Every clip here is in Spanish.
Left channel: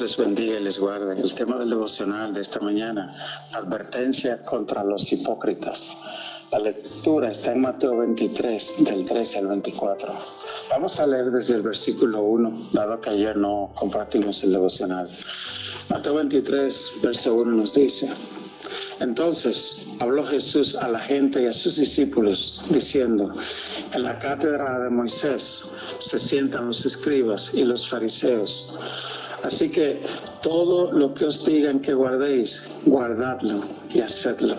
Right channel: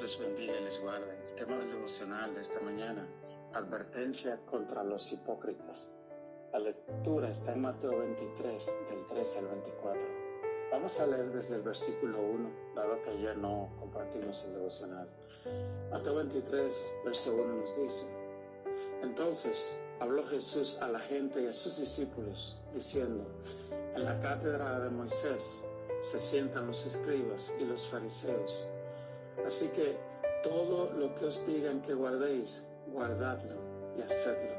Dios les bendiga y les guarde. El tema del devocional de esta mañana, advertencia contra los hipócritas. La lectura está en Mateo 23, del 13 al 24. Vamos a leer desde el versículo 1, dado que ayer no compartimos el devocional. Mateo 23, verso 1 nos dice: Entonces habló Jesús a la gente y a sus discípulos, diciendo: En la cátedra de Moisés se sientan los escribas y los fariseos. Así que todo lo que os digan que guardéis, guardadlo y hacedlo.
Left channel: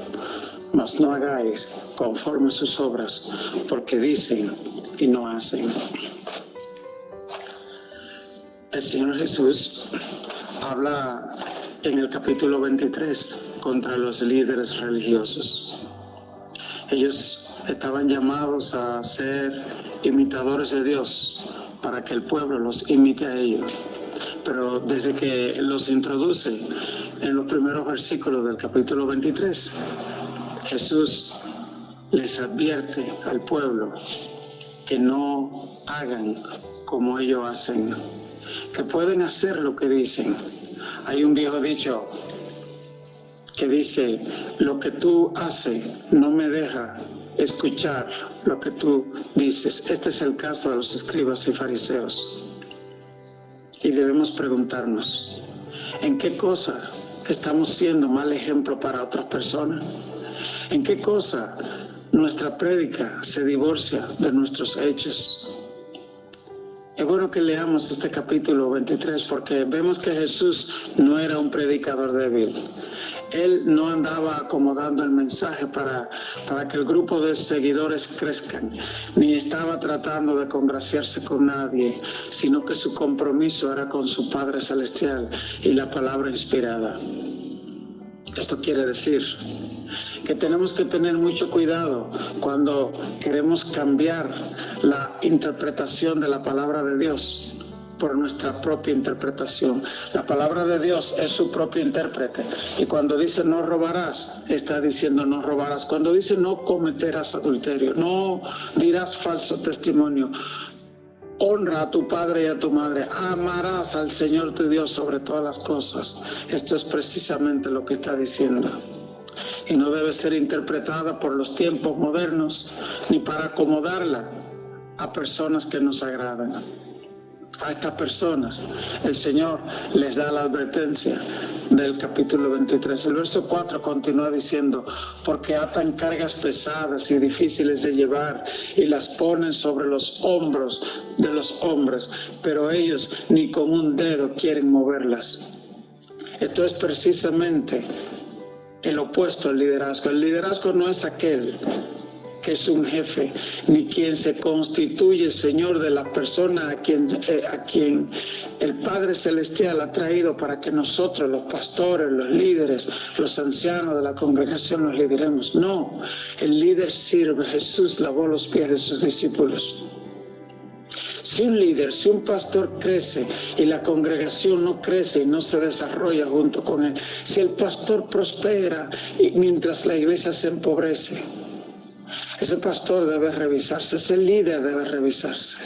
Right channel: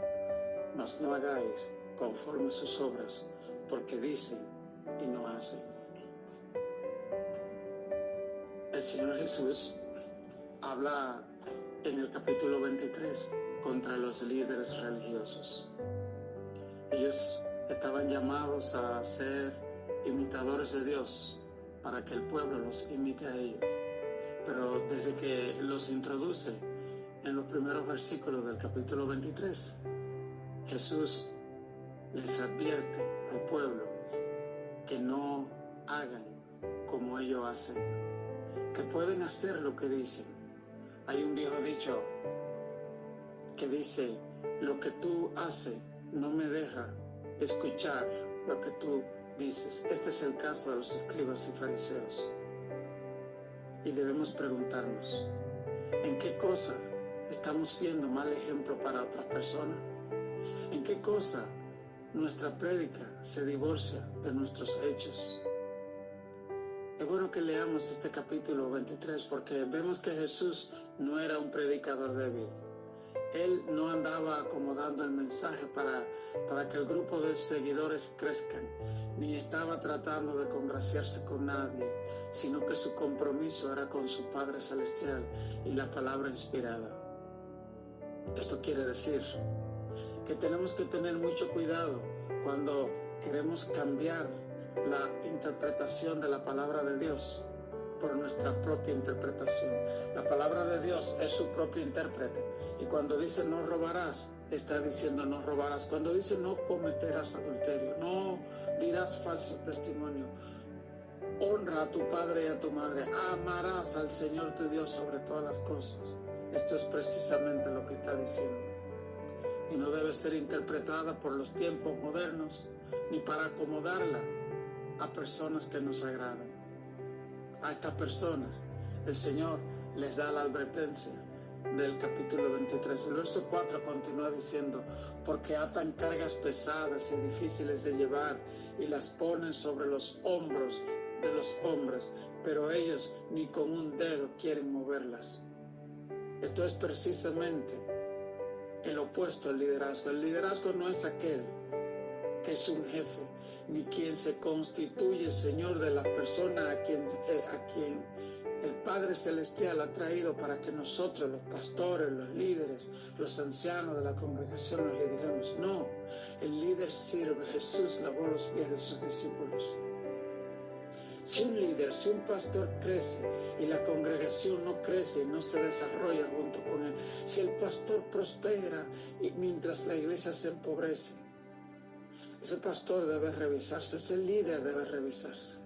Mas no hagáis conforme a sus obras, porque dicen y no hacen. El Señor Jesús habla en el capítulo 23 contra los líderes religiosos. Ellos estaban llamados a ser imitadores de Dios para que el pueblo los imite a ellos. Pero desde que los introduce en los primeros versículos del capítulo 23, Jesús les advierte al pueblo que no hagan como ellos hacen, que pueden hacer lo que dicen. Hay un viejo dicho que dice: lo que tú haces no me deja escuchar lo que tú dices. Este es el caso de los escribas y fariseos. Y debemos preguntarnos, ¿en qué cosa estamos siendo mal ejemplo para otras personas? ¿En qué cosa nuestra prédica se divorcia de nuestros hechos? Es bueno que leamos este capítulo 23 porque vemos que Jesús no era un predicador débil. Él no andaba acomodando el mensaje para que el grupo de seguidores crezcan, ni estaba tratando de congraciarse con nadie, sino que su compromiso era con su Padre Celestial y la palabra inspirada. Esto quiere decir que tenemos que tener mucho cuidado cuando queremos cambiar la interpretación de la palabra de Dios por nuestra propia interpretación. La palabra de Dios es su propio intérprete, y cuando dice no robarás, está diciendo no robarás. Cuando dice no cometerás adulterio, no dirás falso testimonio, honra a tu padre y a tu madre, amarás al Señor tu Dios sobre todas las cosas. Esto es precisamente lo que está diciendo. Y no debe ser interpretada por los tiempos modernos, ni para acomodarla a personas que nos agradan. A estas personas el Señor les da la advertencia del capítulo 23. El verso 4 continúa diciendo: porque atan cargas pesadas y difíciles de llevar y las ponen sobre los hombros de los hombres, pero ellos ni con un dedo quieren moverlas. Esto es precisamente el opuesto al liderazgo. El liderazgo no es aquel que es un jefe, ni quien se constituye Señor de la persona a quien el Padre Celestial ha traído para que nosotros, los pastores, los líderes, los ancianos de la congregación, los lideremos. No, el líder sirve. Jesús lavó los pies de sus discípulos. Si un líder, si un pastor crece y la congregación no crece y no se desarrolla junto con él, si el pastor prospera y mientras la iglesia se empobrece, ese pastor debe revisarse, ese líder debe revisarse.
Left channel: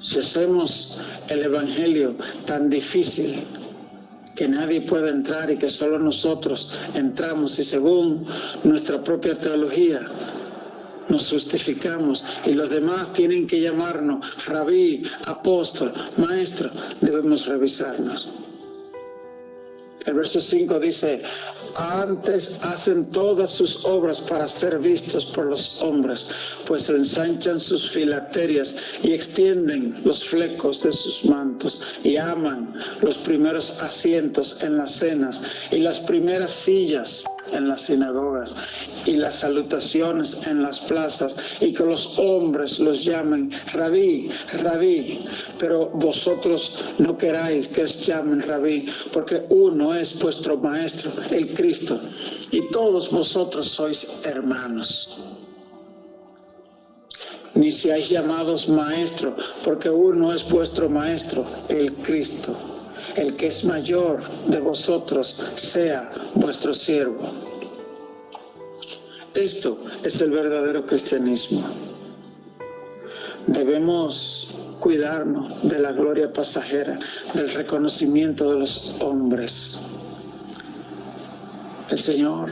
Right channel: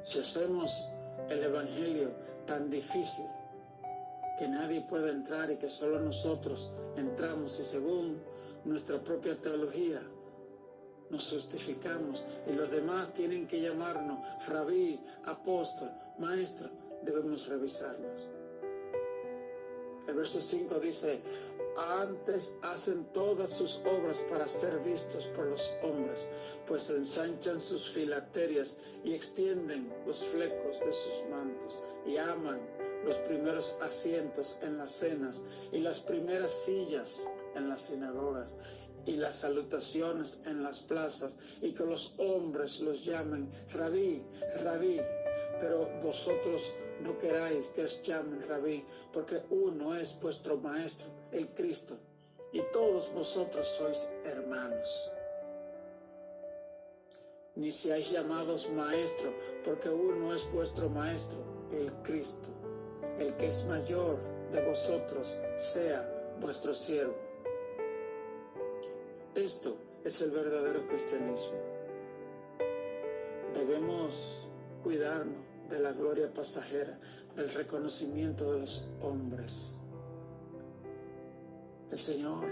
Si hacemos el evangelio tan difícil que nadie puede entrar y que solo nosotros entramos, y según nuestra propia teología nos justificamos y los demás tienen que llamarnos rabí, apóstol, maestro, debemos revisarnos. El verso 5 dice: antes hacen todas sus obras para ser vistos por los hombres, pues ensanchan sus filacterias y extienden los flecos de sus mantos, y aman los primeros asientos en las cenas y las primeras sillas en las sinagogas y las salutaciones en las plazas, y que los hombres los llamen rabí, rabí. Pero vosotros no queráis que os llamen rabí, porque uno es vuestro maestro, el Cristo, y todos vosotros sois hermanos. Ni seáis llamados maestro, porque uno es vuestro maestro, el Cristo. El que es mayor de vosotros sea vuestro siervo. Esto es el verdadero cristianismo. Debemos cuidarnos de la gloria pasajera, del reconocimiento de los hombres. El Señor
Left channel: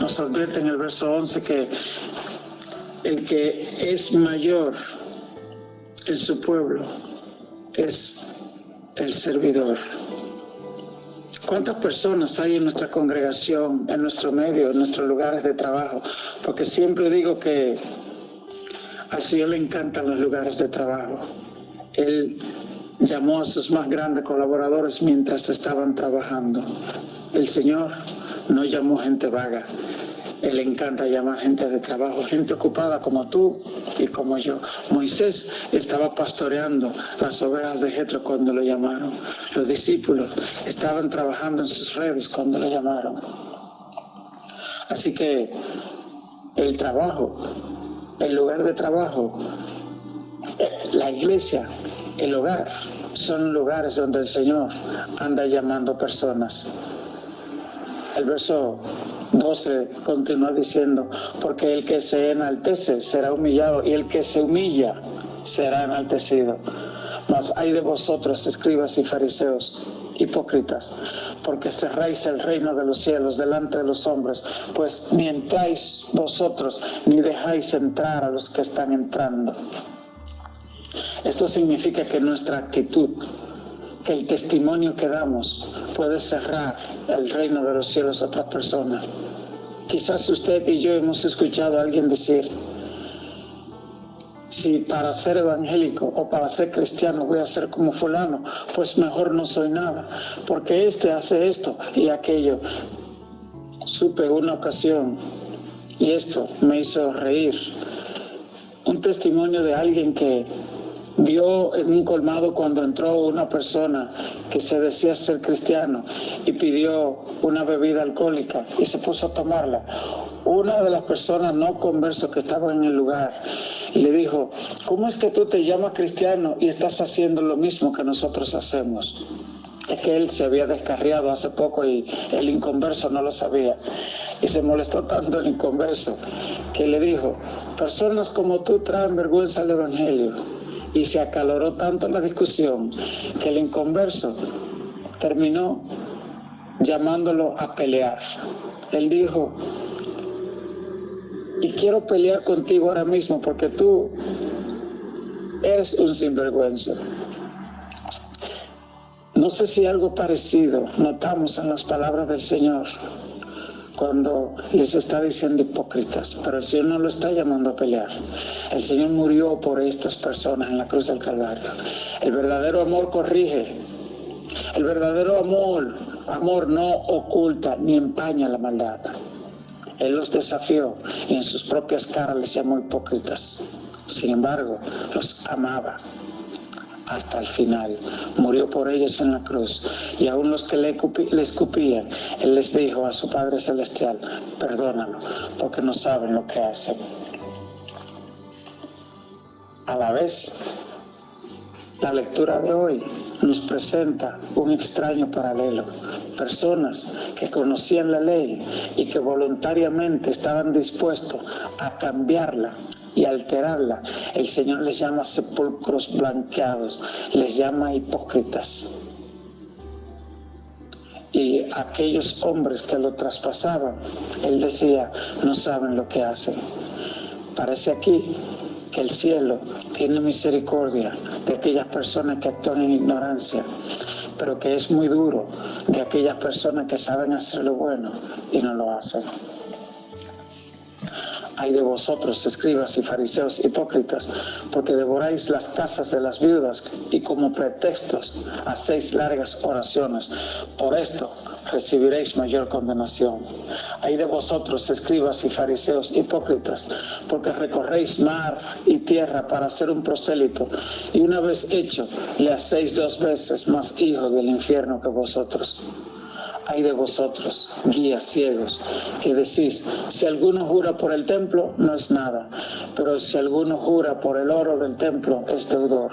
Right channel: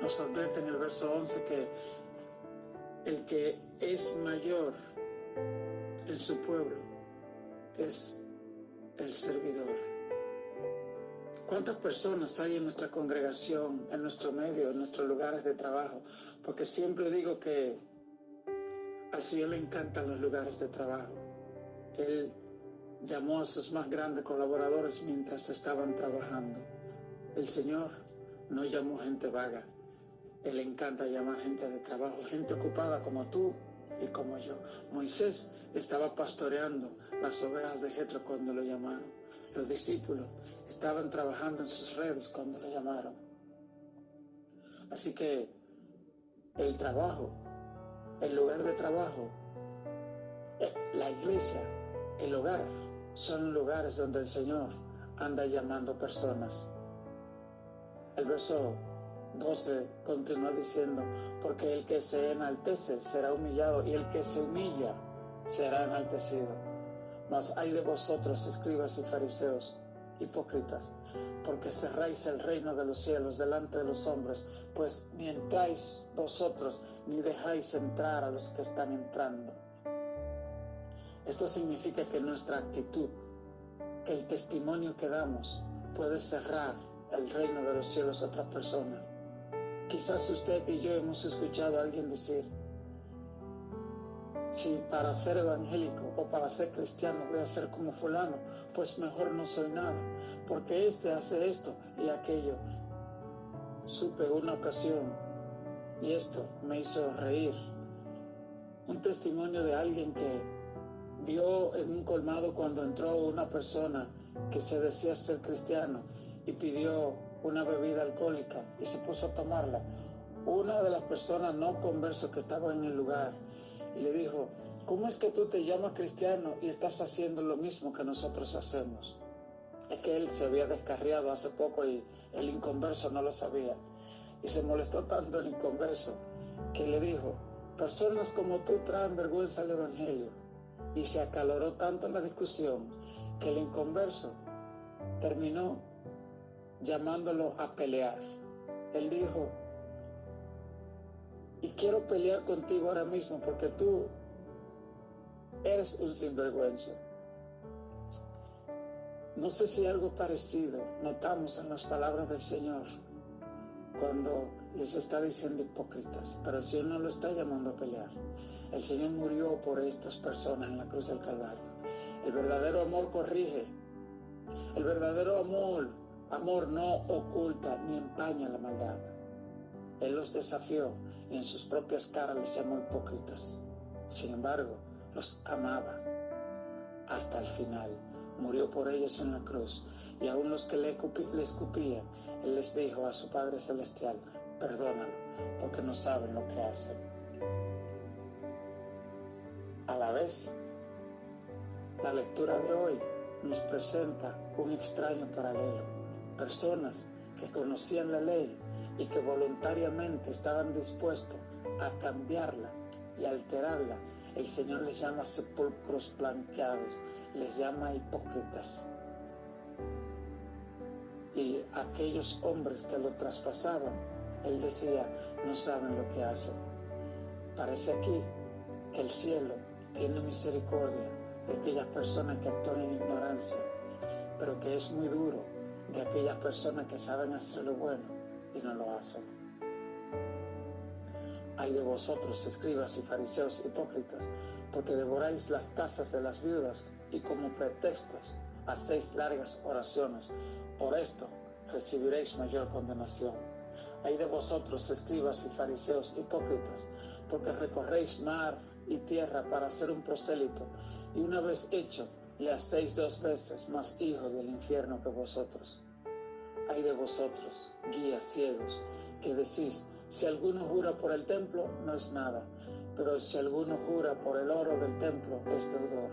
nos advierte en el verso 11 que el que es mayor en su pueblo es el servidor. ¿Cuántas personas hay en nuestra congregación, en nuestro medio, en nuestros lugares de trabajo? Porque siempre digo que al Señor le encantan los lugares de trabajo. Él llamó a sus más grandes colaboradores mientras estaban trabajando. El Señor no llamó gente vaga. Él le encanta llamar gente de trabajo, gente ocupada como tú y como yo. Moisés estaba pastoreando las ovejas de Jetro cuando lo llamaron. Los discípulos estaban trabajando en sus redes cuando lo llamaron. Así que el trabajo, el lugar de trabajo, la iglesia, el hogar, son lugares donde el Señor anda llamando personas. El verso 12 continúa diciendo, porque el que se enaltece será humillado y el que se humilla será enaltecido. Mas hay de vosotros, escribas y fariseos, hipócritas, porque cerráis el reino de los cielos delante de los hombres, pues ni entráis vosotros ni dejáis entrar a los que están entrando. Esto significa que nuestra actitud, que el testimonio que damos puede cerrar el reino de los cielos a otras personas. Quizás usted y yo hemos escuchado a alguien decir, si para ser evangélico o para ser cristiano voy a ser como fulano, pues mejor no soy nada, porque este hace esto y aquello. Supe una ocasión, y esto me hizo reír, un testimonio de alguien que vio en un colmado cuando entró una persona que se decía ser cristiano y pidió una bebida alcohólica y se puso a tomarla. Una de las personas no conversos que estaban en el lugar le dijo, ¿cómo es que tú te llamas cristiano y estás haciendo lo mismo que nosotros hacemos? Es que él se había descarriado hace poco y el inconverso no lo sabía. Y se molestó tanto el inconverso que le dijo, personas como tú traen vergüenza al evangelio. Y se acaloró tanto la discusión que el inconverso terminó llamándolo a pelear. Él dijo, y quiero pelear contigo ahora mismo porque tú eres un sinvergüenza. No sé si algo parecido notamos en las palabras del Señor cuando les está diciendo hipócritas, pero el Señor no lo está llamando a pelear. El Señor murió por estas personas en la cruz del Calvario. El verdadero amor corrige. El verdadero amor no oculta ni empaña la maldad. Él los desafió y en sus propias caras les llamó hipócritas. Sin embargo, los amaba hasta el final. Murió por ellos en la cruz. Y aún los que le escupían, Él les dijo a su Padre Celestial, perdónalo, porque no saben lo que hacen. A la vez, la lectura de hoy nos presenta un extraño paralelo. Personas que conocían la ley y que voluntariamente estaban dispuestos a cambiarla y alterarla. El Señor les llama sepulcros blanqueados, les llama hipócritas. Y aquellos hombres que lo traspasaban, Él decía, no saben lo que hacen. Parece aquí que el cielo tiene misericordia de aquellas personas que actúan en ignorancia, pero que es muy duro de aquellas personas que saben hacer lo bueno y no lo hacen. Ay de vosotros, escribas y fariseos hipócritas, porque devoráis las casas de las viudas y como pretextos hacéis largas oraciones. Por esto recibiréis mayor condenación. Ay de vosotros, escribas y fariseos hipócritas, porque recorréis mar y tierra para hacer un prosélito, y una vez hecho, le hacéis 2 veces más hijo del infierno que vosotros. Ay de vosotros, guías ciegos, que decís, si alguno jura por el templo, no es nada, pero si alguno jura por el oro del templo, es deudor.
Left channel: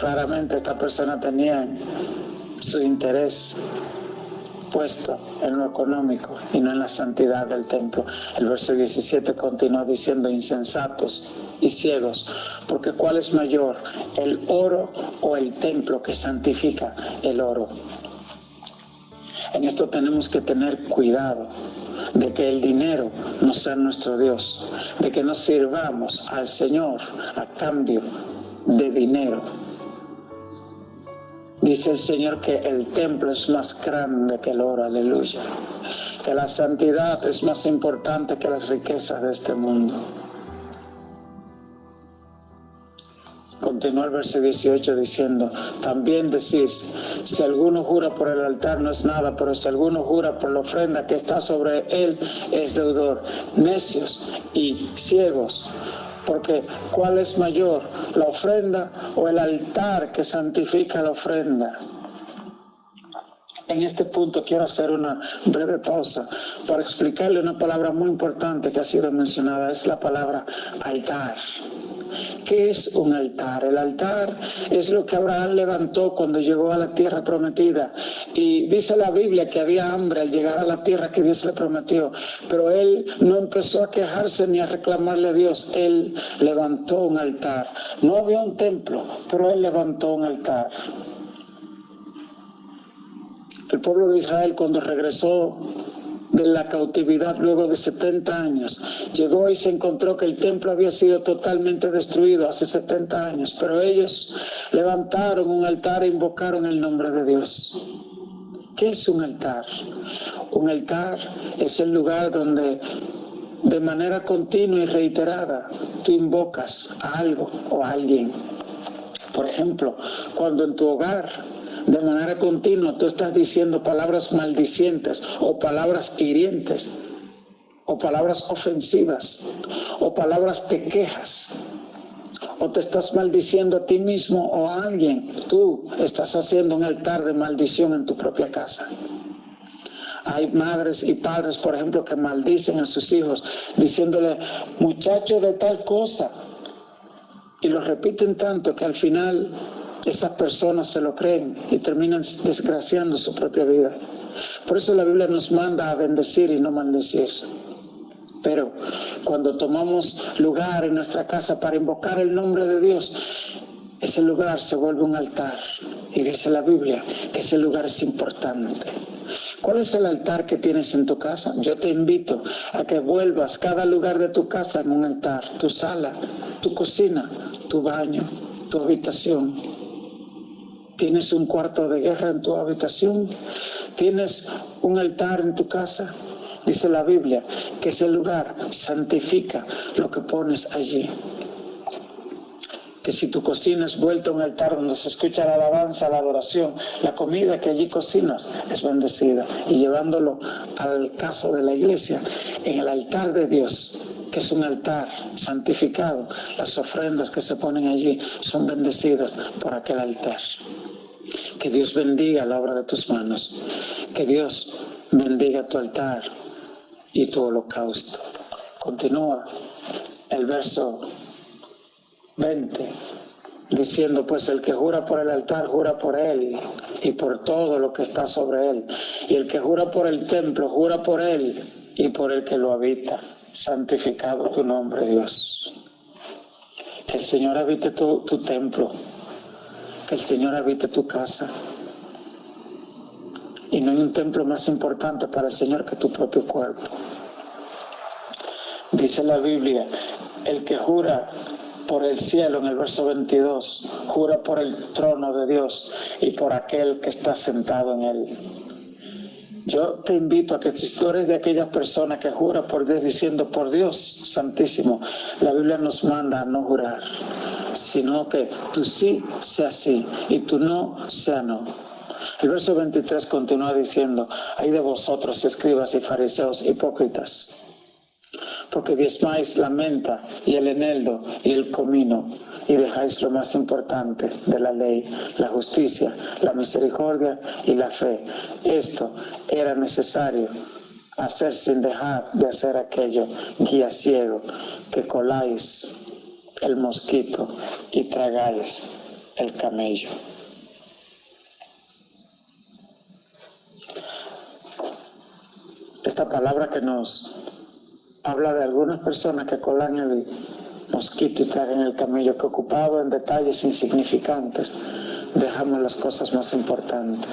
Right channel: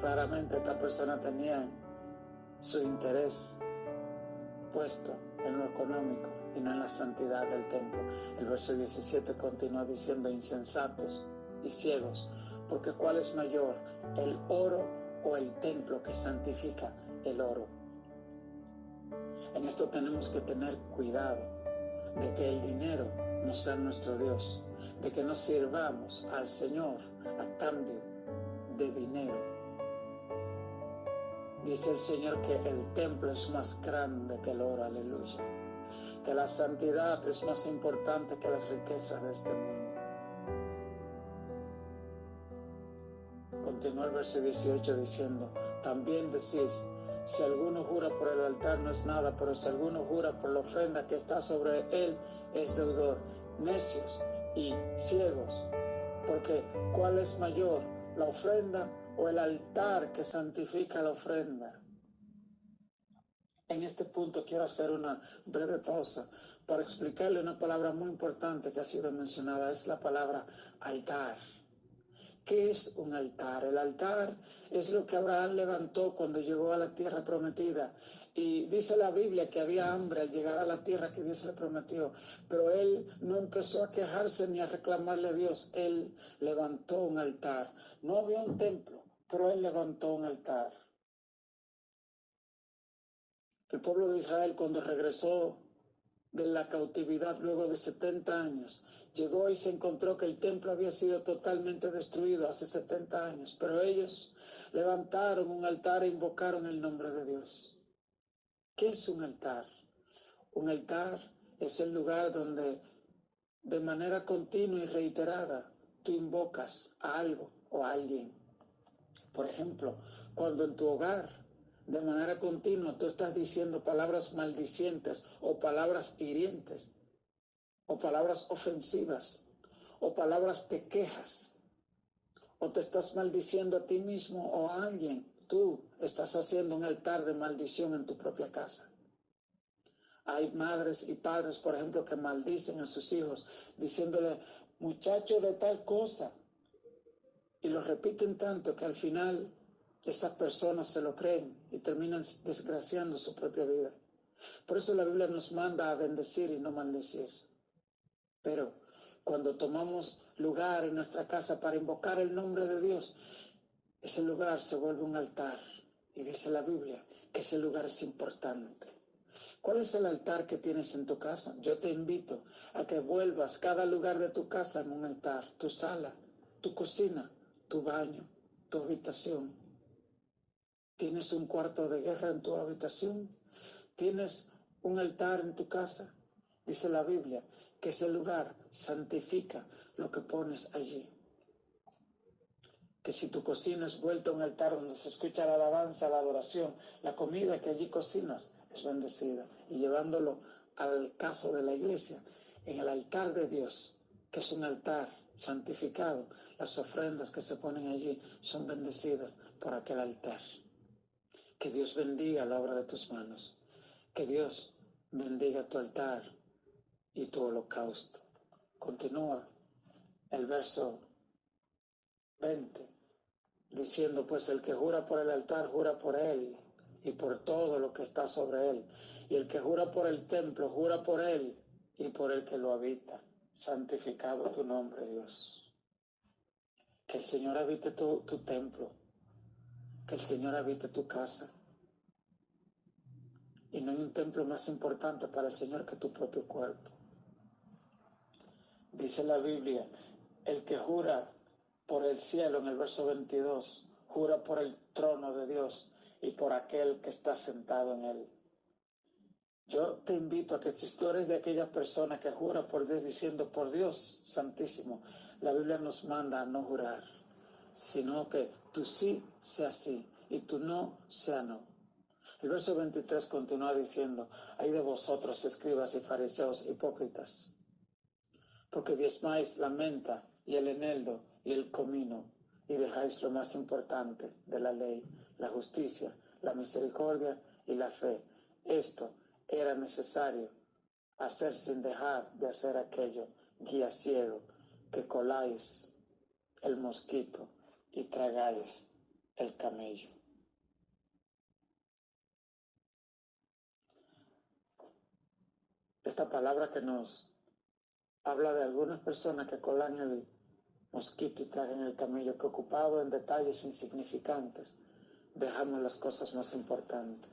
Claramente esta persona tenía su interés puesto en lo económico y no en la santidad del templo. El verso 17 continúa diciendo, insensatos, y ciegos, porque ¿cuál es mayor, el oro o el templo que santifica el oro? En esto tenemos que tener cuidado de que el dinero no sea nuestro Dios, de que no sirvamos al Señor a cambio de dinero. Dice el Señor que el templo es más grande que el oro, aleluya, que la santidad es más importante que las riquezas de este mundo. Continúa el verso 18 diciendo, también decís, si alguno jura por el altar no es nada, pero si alguno jura por la ofrenda que está sobre él es deudor. Necios y ciegos, porque ¿cuál es mayor, la ofrenda o el altar que santifica la ofrenda? En este punto quiero hacer una breve pausa para explicarle una palabra muy importante que ha sido mencionada, es la palabra altar. ¿Qué es un altar? El altar es lo que Abraham levantó cuando llegó a la tierra prometida. Y dice la Biblia que había hambre al llegar a la tierra que Dios le prometió. Pero él no empezó a quejarse ni a reclamarle a Dios. Él levantó un altar. No había un templo, pero él levantó un altar. El pueblo de Israel, cuando regresó de la cautividad luego de 70 años, llegó y se encontró que el templo había sido totalmente destruido hace 70 años, pero ellos levantaron un altar e invocaron el nombre de Dios. ¿Qué es un altar? Un altar es el lugar donde de manera continua y reiterada tú invocas a algo o a alguien. Por ejemplo, cuando en tu hogar de manera continua tú estás diciendo palabras maldicientes o palabras hirientes o palabras ofensivas o palabras de quejas o te estás maldiciendo a ti mismo o a alguien, tú estás haciendo un altar de maldición en tu propia casa. Hay madres y padres, por ejemplo, que maldicen a sus hijos diciéndole muchacho de tal cosa, y lo repiten tanto que al final esas personas se lo creen y terminan desgraciando su propia vida. Por eso la Biblia nos manda a bendecir y no maldecir. Pero cuando tomamos lugar en nuestra casa para invocar el nombre de Dios, ese lugar se vuelve un altar. Y dice la Biblia que ese lugar es importante. ¿Cuál es el altar que tienes en tu casa? Yo te invito a que vuelvas cada lugar de tu casa en un altar. Tu sala, tu cocina, tu baño, tu habitación. ¿Tienes un cuarto de guerra en tu habitación? ¿Tienes un altar en tu casa? Dice la Biblia que ese lugar santifica lo que pones allí. Que si tu cocina es vuelta a un altar donde se escucha la alabanza, la adoración, la comida que allí cocinas es bendecida. Y llevándolo al caso de la iglesia, en el altar de Dios, que es un altar santificado, las ofrendas que se ponen allí son bendecidas por aquel altar. Que Dios bendiga la obra de tus manos. Que Dios bendiga tu altar y tu holocausto. Continúa el verso 20, diciendo, pues el que jura por el altar, jura por él y por todo lo que está sobre él. Y el que jura por el templo, jura por él y por el que lo habita. Santificado tu nombre, Dios. Que el Señor habite tu templo. Que el Señor habite tu casa. Y no hay un templo más importante para el Señor que tu propio cuerpo. Dice la Biblia, el que jura por el cielo, en el verso 22, jura por el trono de Dios y por aquel que está sentado en él. Yo te invito a que si tú eres de aquellas personas que jura por Dios diciendo por Dios Santísimo, la Biblia nos manda a no jurar, sino que tu sí sea sí y tu no sea no. El verso 23 continúa diciendo, ay de vosotros, escribas y fariseos hipócritas, porque diezmáis la menta y el eneldo y el comino, y dejáis lo más importante de la ley, la justicia, la misericordia y la fe. Esto era necesario hacer sin dejar de hacer aquello, guía ciego, que coláis el mosquito y tragáis el camello. Esta palabra que nos habla de algunas personas que colan mosquito y traga en el camello, que ocupado en detalles insignificantes, dejamos las cosas más importantes.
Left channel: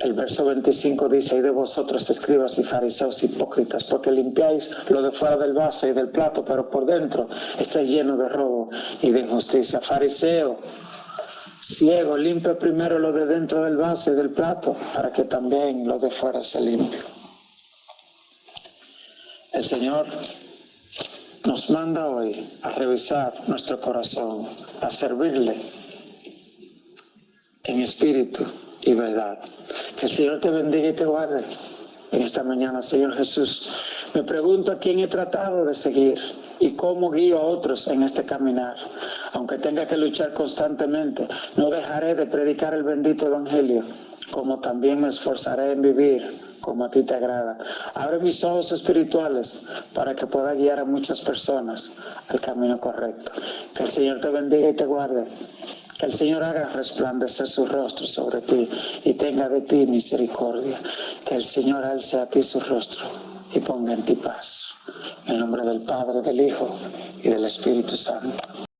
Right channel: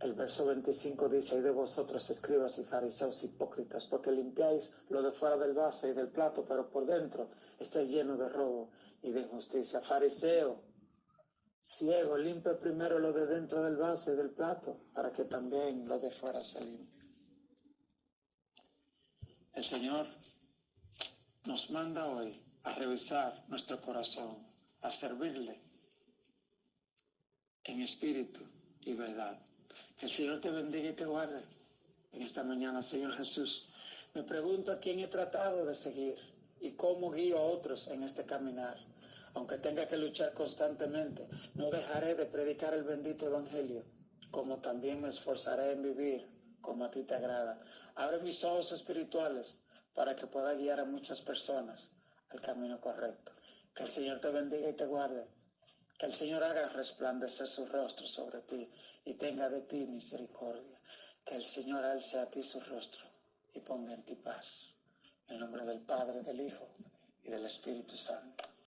El verso 25 dice: "Y de vosotros, escribas y fariseos hipócritas, porque limpiáis lo de fuera del vaso y del plato, pero por dentro está lleno de robo y de injusticia". Fariseo, ciego, limpia primero lo de dentro del vaso y del plato, para que también lo de fuera se limpie. El Señor nos manda hoy a revisar nuestro corazón, a servirle en espíritu y verdad. Que el Señor te bendiga y te guarde en esta mañana, Señor Jesús. Me pregunto a quién he tratado de seguir y cómo guío a otros en este caminar. Aunque tenga que luchar constantemente, no dejaré de predicar el bendito evangelio, como también me esforzaré en vivir como a ti te agrada. Abre mis ojos espirituales para que pueda guiar a muchas personas al camino correcto. Que el Señor te bendiga y te guarde. Que el Señor haga resplandecer su rostro sobre ti y tenga de ti misericordia. Que el Señor alce a ti su rostro y ponga en ti paz. En el nombre del Padre, del Hijo y del Espíritu Santo.